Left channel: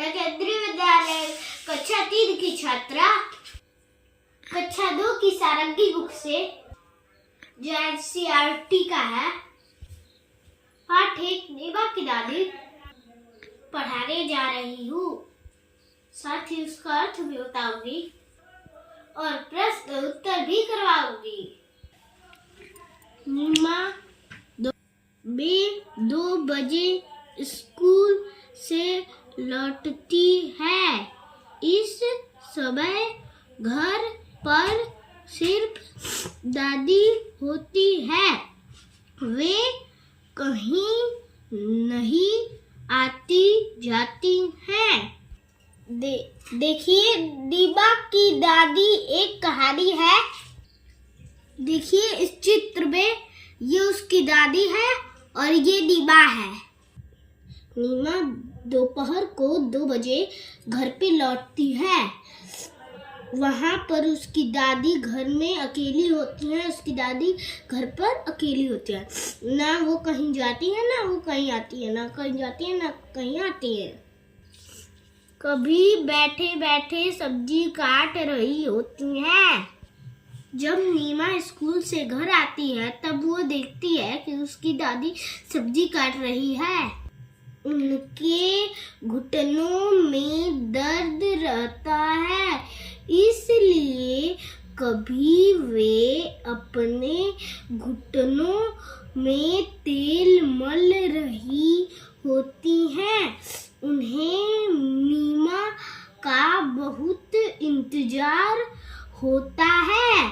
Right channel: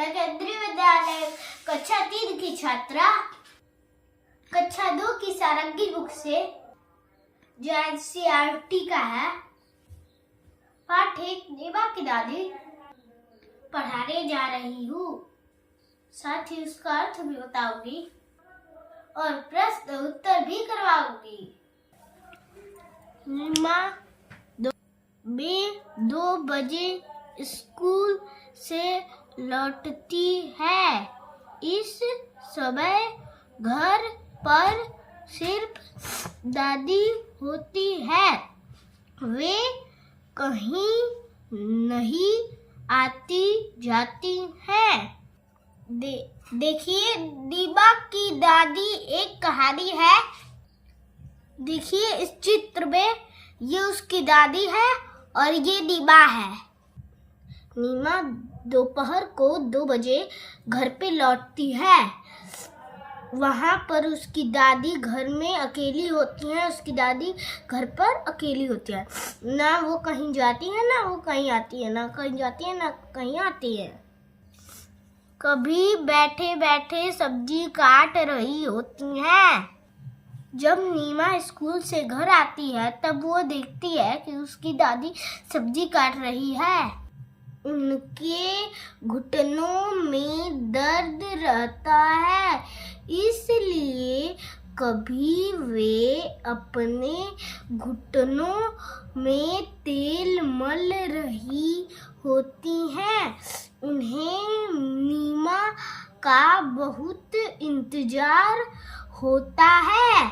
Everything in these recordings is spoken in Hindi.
मैं केंद्रीय विद्यालय कक्षा 3 की छात्रा कक्षा 2 की सारंगी बुक से जो NCERT का है पाठ 1 नीमा की दादी पढ़ाने जा रही हूँ। साथ ही उसका अर्थ भी बताऊंगी और प्रश्न उत्तर भी करवाऊंगी। नीमा 2 बजे स्कूल से लौटती है। इस समय घर पर सिर्फ दादी होती है। वे कहीं नहीं आती जाती हैं। देखिए नीमा की दादी एक कहानी है। देखिए इस चित्र में ये उसकी दादी है और ये नीमा है। नीमा दोपहर को 2 बजे घर पे लौटती है। वहाँ पर उसकी दादी घर में अकेली होती है। उसकी दादी घर पर अकेली होती है। ना वो कहीं जाती है ना वो कहीं आती है, ना कहीं जाती है ना कहीं आती है। कभी बैठे बैठे सब्जी काट रही होती है। जब नीमा स्कूल से घर आती है तब वो देखती है कि उसकी दादी सब्जी काट रही है। उनके घुटनों में दर्द रहता है, इसलिए कभी वे अपने घुटनों में तेल मल रही होती हैं। उन्हें नीमा का बहुत इंतजार होता है।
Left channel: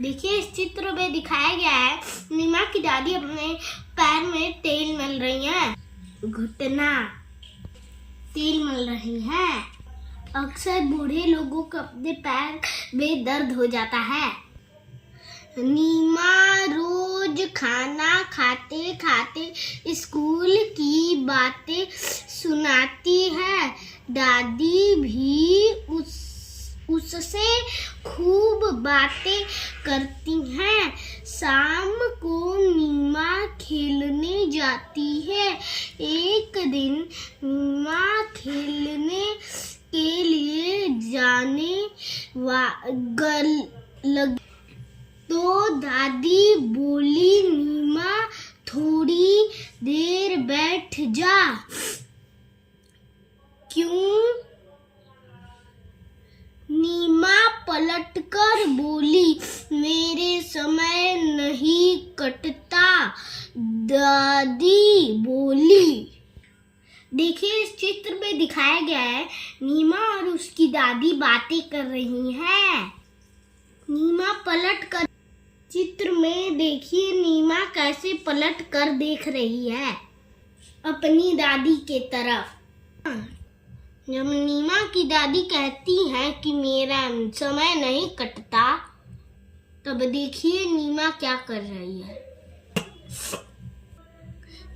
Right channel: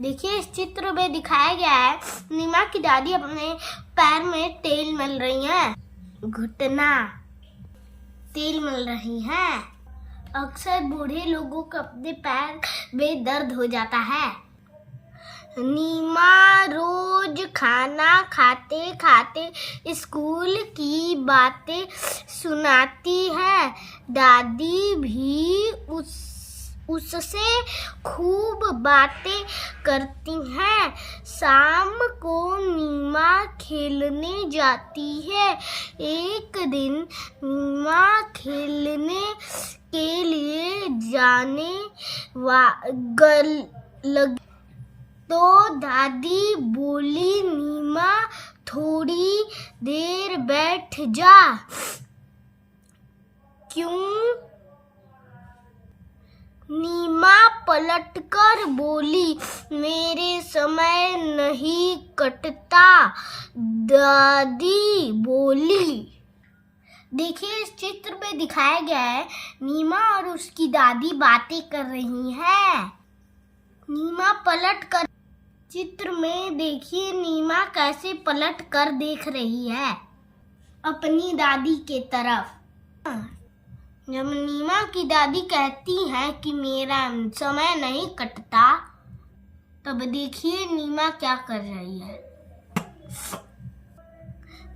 देखिए इस चित्र में दिखाया गया है नीमा की दादी अपने पैर में तेल मल रही हैं। घुटना तेल मल रही हैं। अक्सर बूढ़े लोगों को अपने पैर में दर्द हो जाता है। नीमा रोज खाना खाते खाते स्कूल की बातें सुनाती है। दादी भी उससे खूब बातें करती हैं। शाम को नीमा खेलने जाती है। एक दिन नीमा खेलने के लिए जाने लगी तो दादी बोली, नीमा थोड़ी देर बैठ जा। क्यों? नीमा पलटकर बोली, मेरे समय नहीं कटता। दादी बोली। देखिए इस चित्र में दिखाया गया है नीमा और उसकी दादी बातें कर रही हैं। नीमा पलट कर चित्र में देखिए नीमा कैसे पलट कर देख रही है अपनी दादी के तरफ। जब नीमा की दादी कहती है कि मेरा समय नहीं कटता, तब देखिए नीमा क्या कर रही है।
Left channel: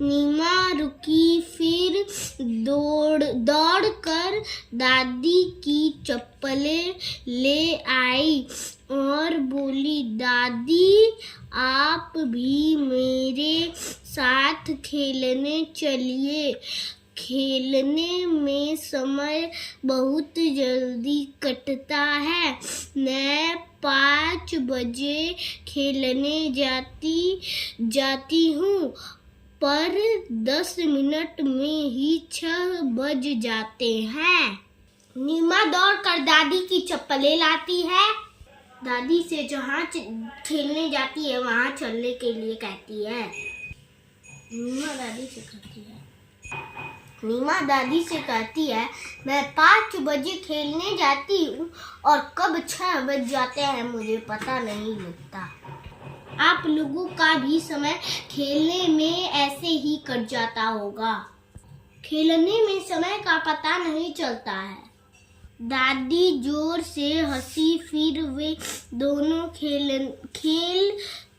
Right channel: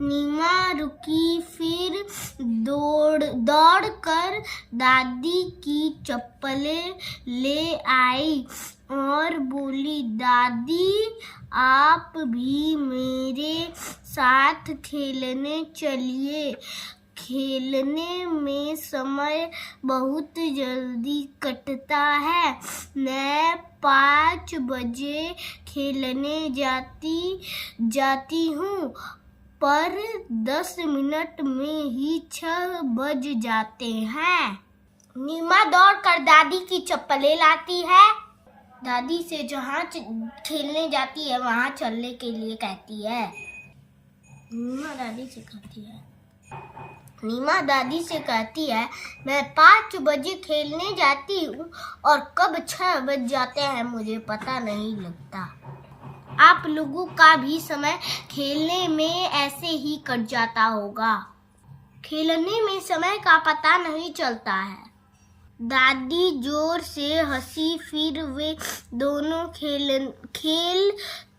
नीमा रुकी, फिर दौड़ कर दादी की चप्पलें ले आई और बोली, दादी आप भी मेरे साथ खेलने चलिए। खेलने में समय बहुत जल्दी कटता है। मैं 5 बजे खेलने जाती हूँ, पर 10 मिनट में ही 6 बज जाते हैं। नीमा दौड़कर दादी की चप्पलें लाती है। दादी से जहाँ खेलने जाती है वहाँ चलने के लिए कहती है। नीमा दादी से कहती है मैं 5 बजे खेलने जाती हूँ और कब 6 बज जाते हैं मुझे पता नहीं लगता। आप लोगों का भी समय खेलने में ऐसे ही कट जाता होगा। खेलने में समय का पता नहीं चलता है। दादी जोर से हंसी, फिर वे दोनों खेल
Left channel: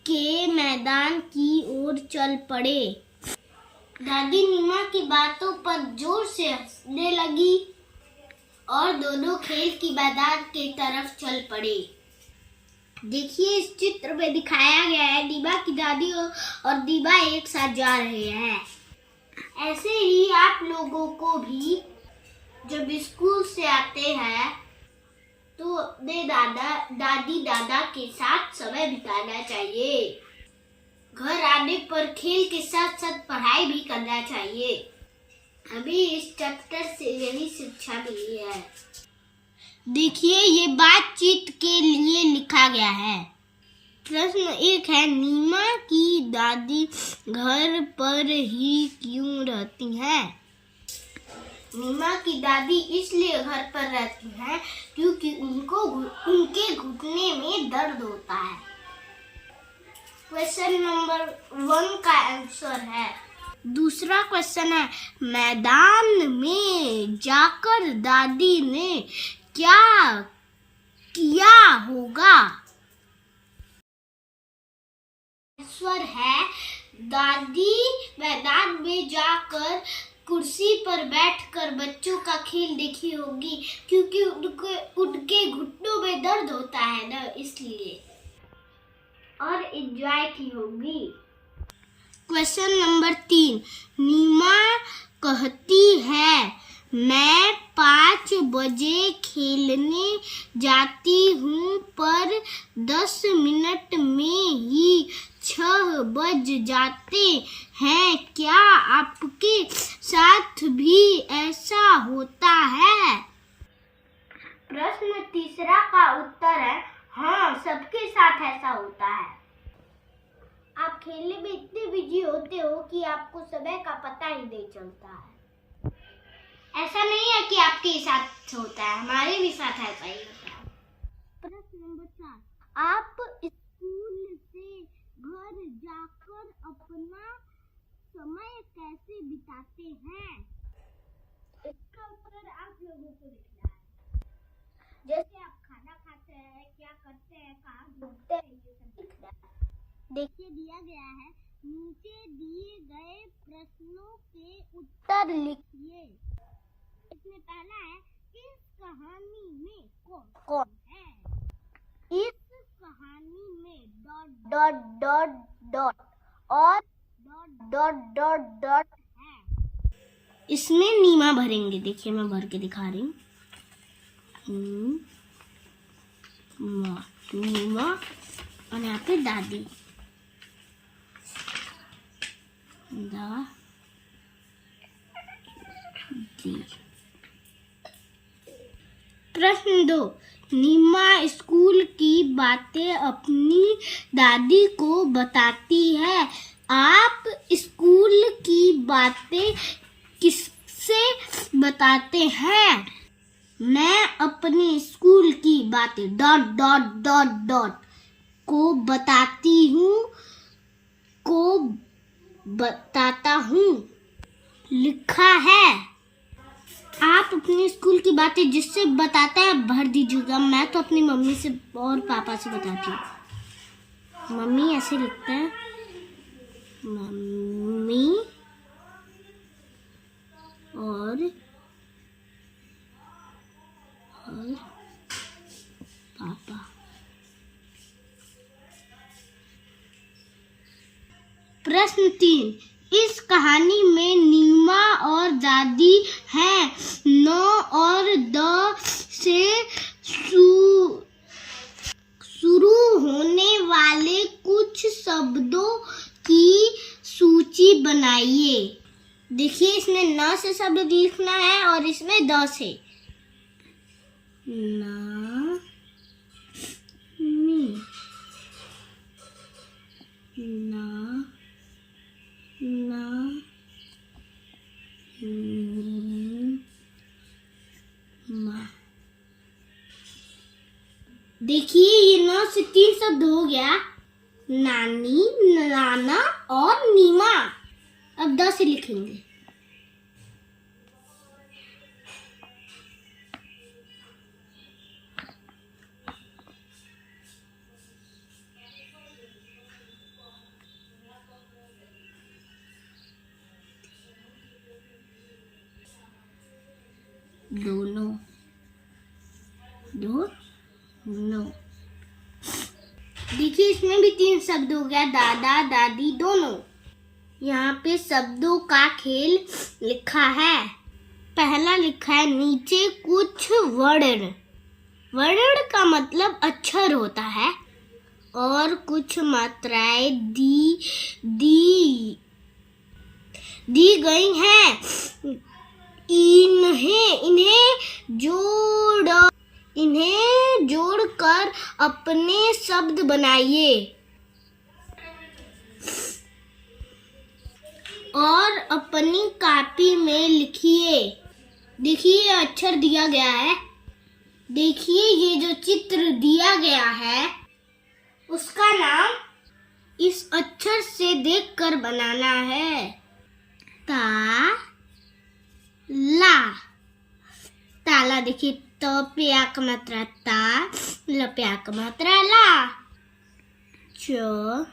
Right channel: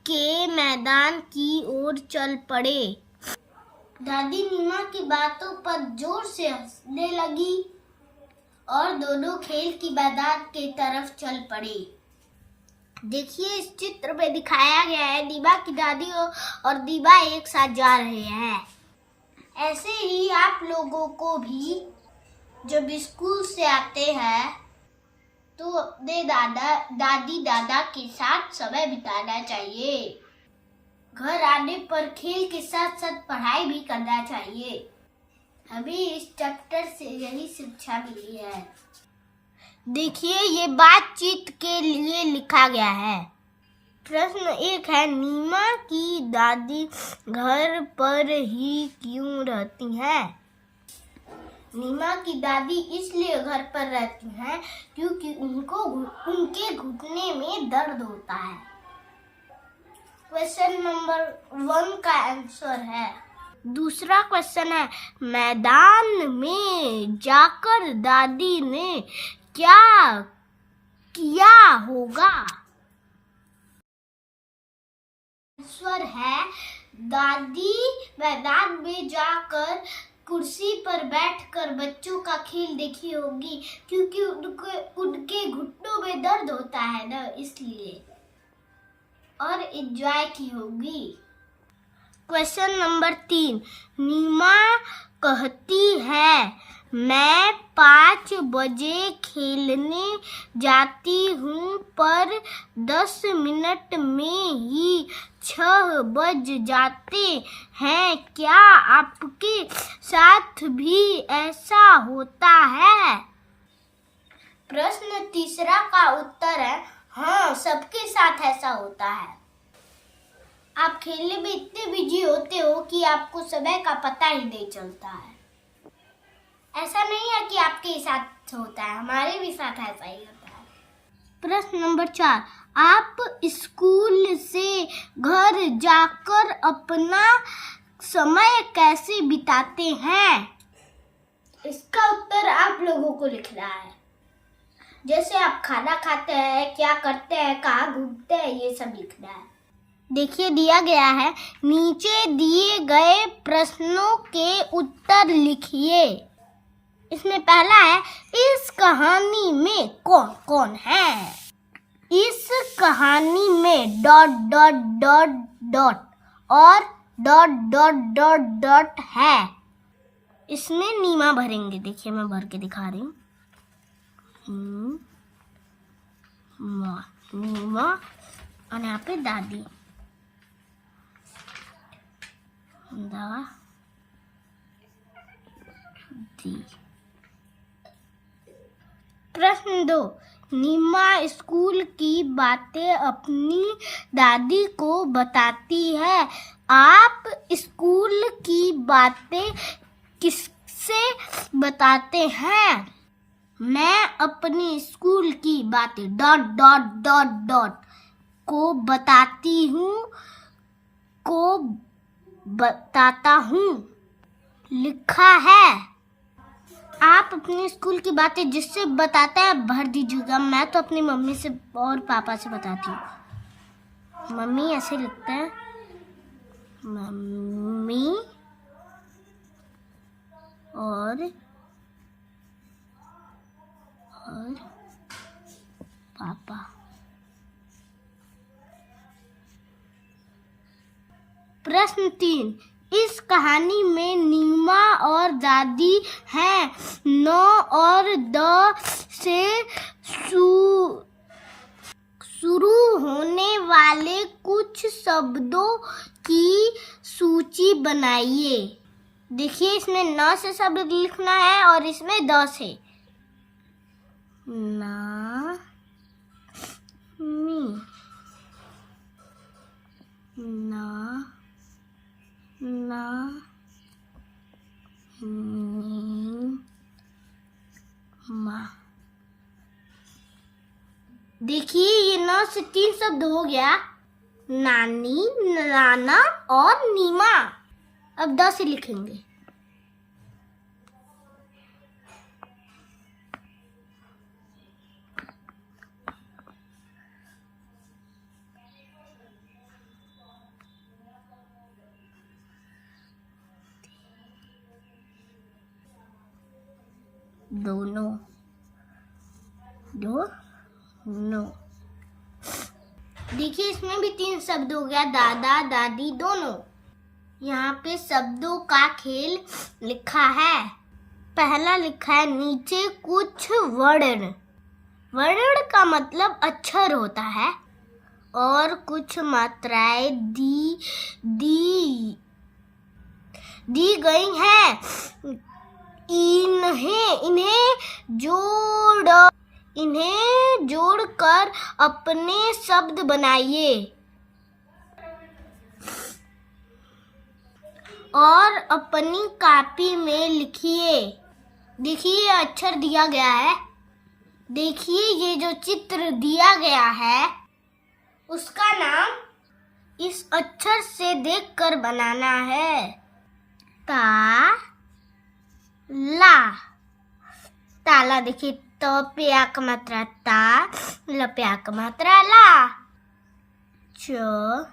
के मैदान की ओर चल पड़े। दादी नीमा की बातों पर जोर से हंसने लगी और दोनों खेल की मैदान की तरफ चल पड़े। देखिए इस चित्र में दिखाया गया है नीमा की दादी और नीमा एक साथ जा रहे हैं। ऐसे ही आप लोगों को भी जब स्कूल से आते हैं तो अपने दादी दादा के साथ समय बिताना चाहिए। घर आने पर खेल के साथ साथ पढ़ाई भी करना चाहिए। अभी इस चैप्टर से यही शिक्षा मिली है। देखिए, ये बातचीत के लिए लिखा गया है। प्रश्न 1 है, नीमा की दादी घर पर ही क्यों रहती है? नीमा की दादी इसलिए घर पर रहती हैं क्योंकि उनके घुटने में दर्द होता है। क्वेश्चन नंबर 1 का आंसर है। दूसरा क्वेश्चन है, मैदान में जाकर दादी ने क्या किया होगा? आंसर है, दादी मैदान में जाकर कुर्सी पर बैठकर बच्चों का खेल देखी होगी क्योंकि उनके घुटनों में दर्द होता है ना, इसलिए, और एंजॉय की होगी। क्वेश्चन नंबर 3, नीमा कहती है मैं 5 बजे खेलने जाती हूँ पर 10 मिनट में ही 6 बज जाते हैं। क्या आपके साथ भी ऐसा होता है? प्रश्न तीसरा का उत्तर है, हाँ, सबके साथ ऐसा होता है। आप खेलने में इतने बिजी होते हो कि आपको समय का पता ही नहीं चलता है। ऐसा नहीं है कि आपके साथ होता है, हमारे भी साथ ऐसा ही होता है। प्रश्न नंबर 4, आप स्कूल से घर जाकर अपना समय कैसे बिताते हैं? इसका उत्तर आप लोगों को लिखना है। जैसे आप खाना खाते हैं, क्या करते हैं, कहाँ घूमते हैं, ये सब लिखना है। देखिए, दिया गया है, नीचे दिए गए प्रश्नों के उत्तर लिखिए। इसमें पहला है, इस कहानी में कौन कौन है? इस कहानी में ... और ... है। इसमें नीमा भरेंगे। देखिए, मैं भर के दिखा रही हूँ। नीमा और यहाँ पे दादी। प्रश्न 2, नीमा स्कूल की बातें अपनी दादी को बताती है। आप स्कूल की बातें किससे बताते हैं? मैं अपनी स्कूल की बातें ... को बताता हूँ लिखा है। आप अपनी स्कूल की बातें जिससे बताते हैं भर दीजिएगा। मैं तो अपनी मम्मी से और पापा से बताती हूँ। मम्मी ऐसे लिखते हैं, मम्मी और पापा। प्रश्न 3, इस कहानी में नीमा और दादी हैं। 9 और 10 से शुरू होने वाले कुछ शब्दों की सूची बनाइए। देखिए, इसमें 9 से शब्द लिखना है और इसमें 10 से। ना मी ना ना मा। देखिए, ये 9 से 3 शब्द हो गया, नानी, नाना और नीमा। अब 10 से लिखेंगे। दोनों देखिए, इसमें भी 3 शब्द हो गया, दादा दादी दोनों। यहाँ पे शब्दों का खेल लिखा है। पहला लिखा है नीचे कुछ वर्ण। वर्ण का मतलब अक्षर होता है और कुछ मात्राएं दी गई हैं। इन्हें जोड़कर अपने शब्द बनाइए और अपनी कॉपी में लिखिए। देखिए अक्षर दिया गया है। देखिए ये जो चित्र दिया गया है उसका नाम इस अक्षर से देखकर बनाना है। ताला। देखिए त पे आ का मात्रा ता, ल पे आ का मात्रा ला। चना।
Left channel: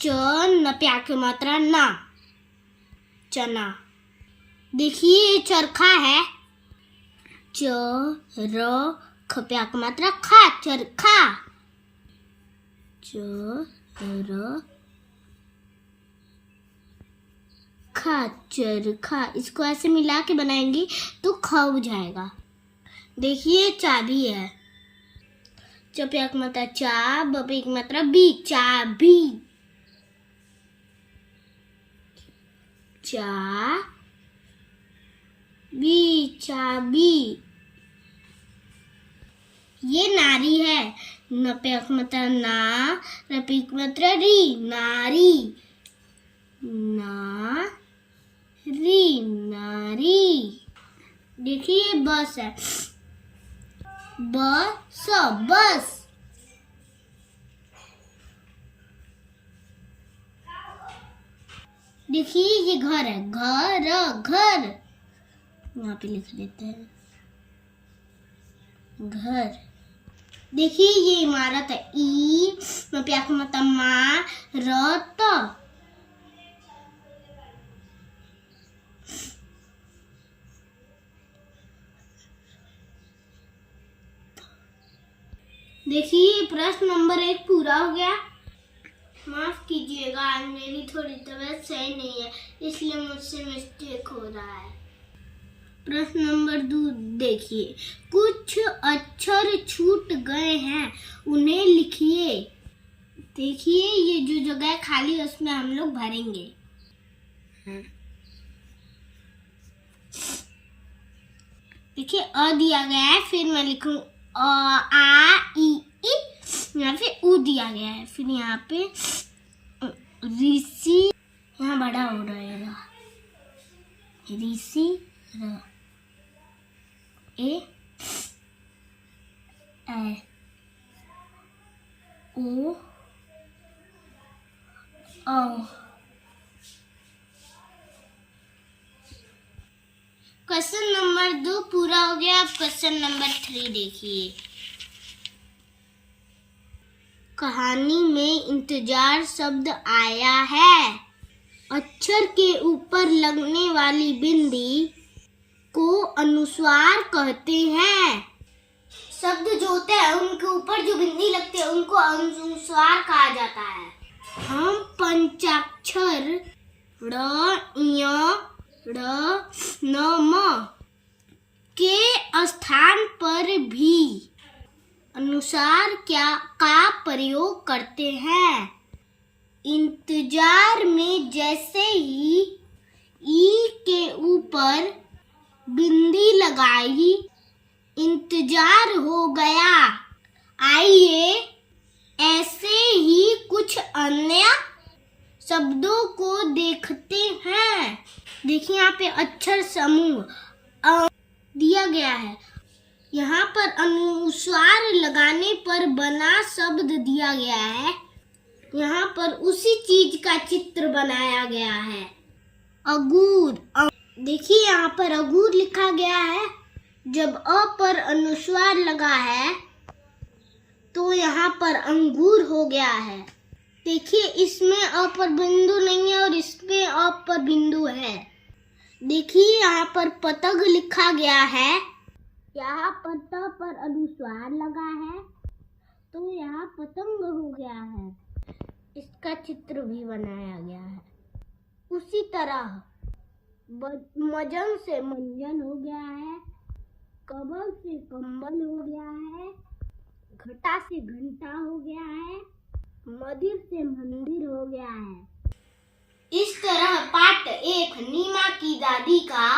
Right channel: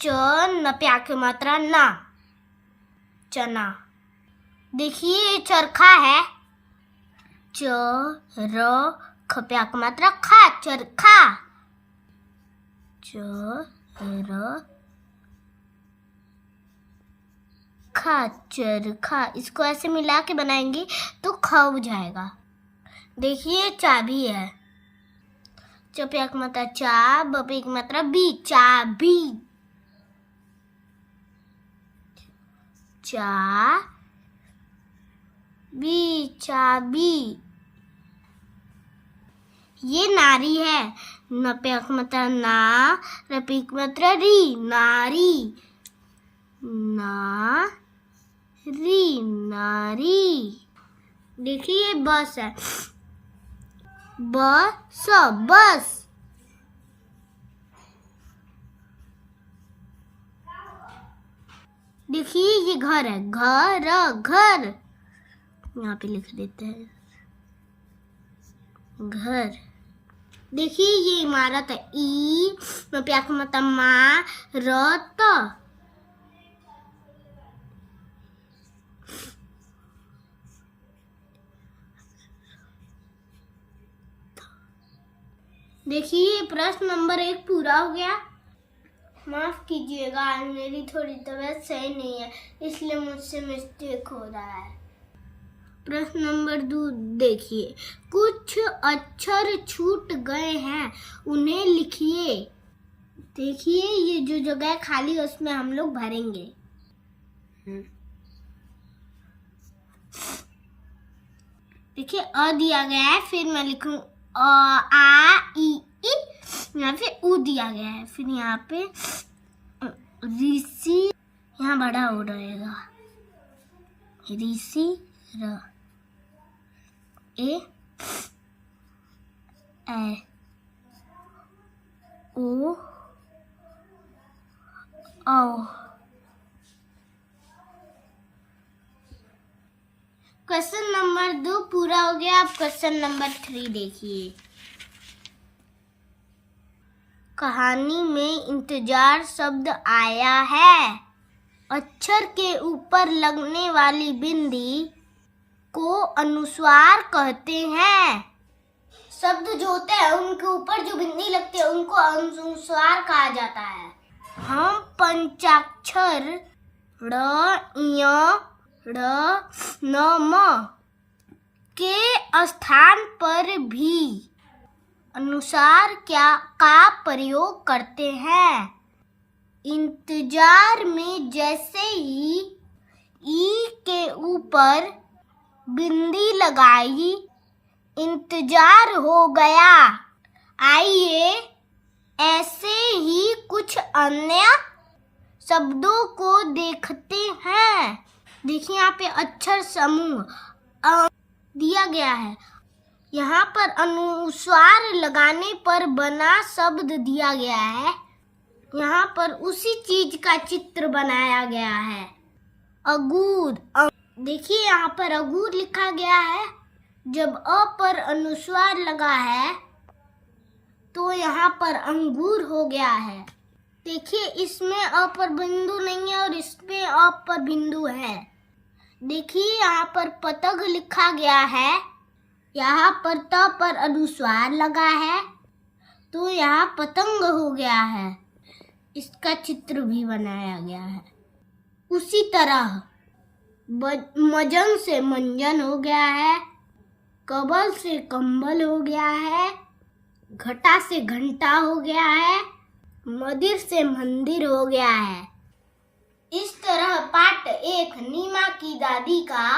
च न पे आ की मात्रा ना, चना। देखिए चरखा है। ख पे आ की मात्रा खा, चरखा। चरखा। इसको ऐसे मिला के बनाएंगे तो ख हो जाएगा। देखिए चाबी है। च पे एक मात्रा चा, ब पे एक मात्रा बी, चाबी। चाबी। ये नारी है। न पे एक मात्रा ना, र पे एक मात्रा री, नारी। नारी। देखिए बस है। बस। देखिए ये घर है। घर। यहाँ पे लिख देते हैं घर। देखिए ये इमारत है। ई में प्याक मतलब मा, रत। देखिए प्रश्न नंबर 1 पूरा हो गया। माफ कीजिएगा, आज मेरी थोड़ी तबीयत सही नहीं है, इसलिए मुझसे मिस्टेक हो रहा है। प्रश्न नंबर 2 देखिए, कुछ अक्षर छूट गए हैं, उन्हें लिखिए। देखिए ये जो जगह खाली है उसमें हम लोग भरेंगे। देखिए अ दिया गया है, फिर मैं लिखूं आ ई, यहाँ पे उ दिया गया है, फिर यहाँ पे ऋषि, यहाँ बड़ा हो रहेगा ऋषि र ए ओ औ। क्वेश्चन नंबर 2 पूरा हो गया। अब क्वेश्चन नंबर 3 देखिए। कहानी में इंतजार शब्द आया है। अक्षर के ऊपर लगने वाली बिंदी को अनुस्वार कहते हैं। शब्द जो होते हैं उनके ऊपर जो बिंदी लगती है उनको अनुस्वार कहा जाता है। हम पंचाक्षर ड़, ञ, ड़, न, म के स्थान पर भी अनुसार का प्रयोग करते हैं। इंतजार में जैसे ही ई के ऊपर बिंदी लगाई, इंतजार हो गया। आइए ऐसे ही कुछ अन्य शब्दों को देखते हैं। देखिए यहाँ पे अक्षर समूह दिया गया है। यहाँ पर अनुस्वार लगाने पर बना शब्द दिया गया है। यहाँ पर उसी चीज का चित्र बनाया गया है। अगूर। देखिए यहाँ पर अगूर लिखा गया है। जब अ पर अनुस्वार लगा है तो यहाँ पर अंगूर हो गया है। देखिए इसमें अ पर बिंदु नहीं है और इसमें अ पर बिंदु है। देखिए यहाँ पर पतंग लिखा गया है। यहाँ पर त पर अनुस्वार लगा है तो यहाँ पतंग हो गया है। इसका चित्र भी बनाया गया है। उसी तरह मजन से मंजन हो गया है, कबल से कंबल हो गया है, घटा से घंटा हो गया है, मंदिर से मंदिर हो गया है। इस तरह पार्ट 1 नीमा की दादी का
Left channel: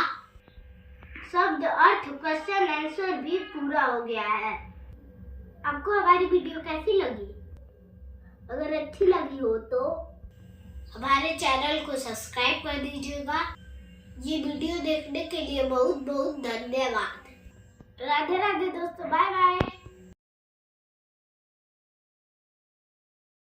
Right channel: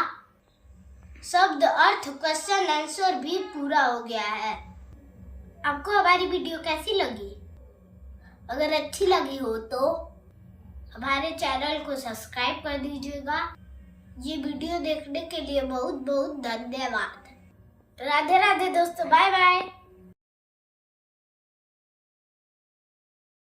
शब्द अर्थ क्वेश्चन आंसर भी पूरा हो गया है। आपको हमारी वीडियो कैसी लगी? अगर अच्छी लगी हो तो हमारे चैनल को सब्सक्राइब कर दीजिएगा। ये वीडियो देखने के लिए बहुत बहुत धन्यवाद। राधे राधे दोस्तों, बाय बाय।